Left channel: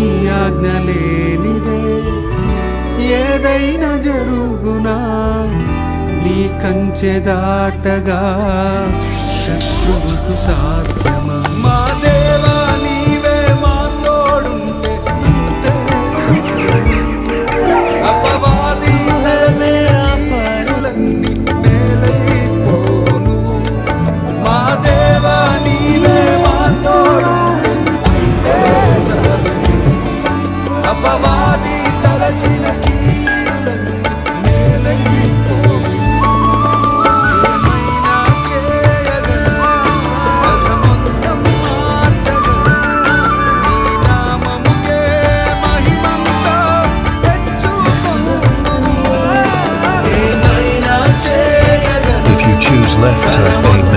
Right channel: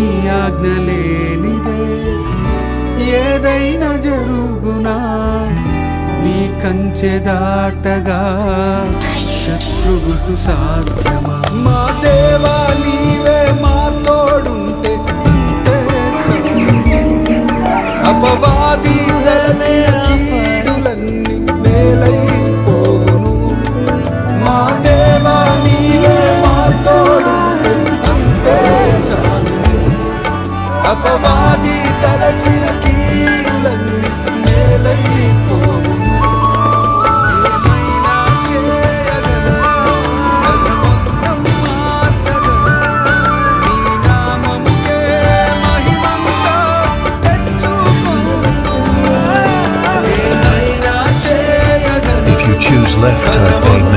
నీ ఆజ్ఞ లేనిదే ఏదైనా జరుగునా నీ కంచె దాటగా శత్రువుకు సాధ్యమా మా దేవా నీవే మా తోడుంటే అపవాది మేరా పరులన్నీ మేలైపోను మా దేవా నీవే మా తోడుంటే అపవాది తలచిన కీడులన్నీ మేలైపోను ఏమైనా చేయగలను కథ మొత్తం మార్చగలను నీ నామముకే మహిమంతా తెచ్చుకొను ఏమైనా చేయగలను If you choose left, type 8.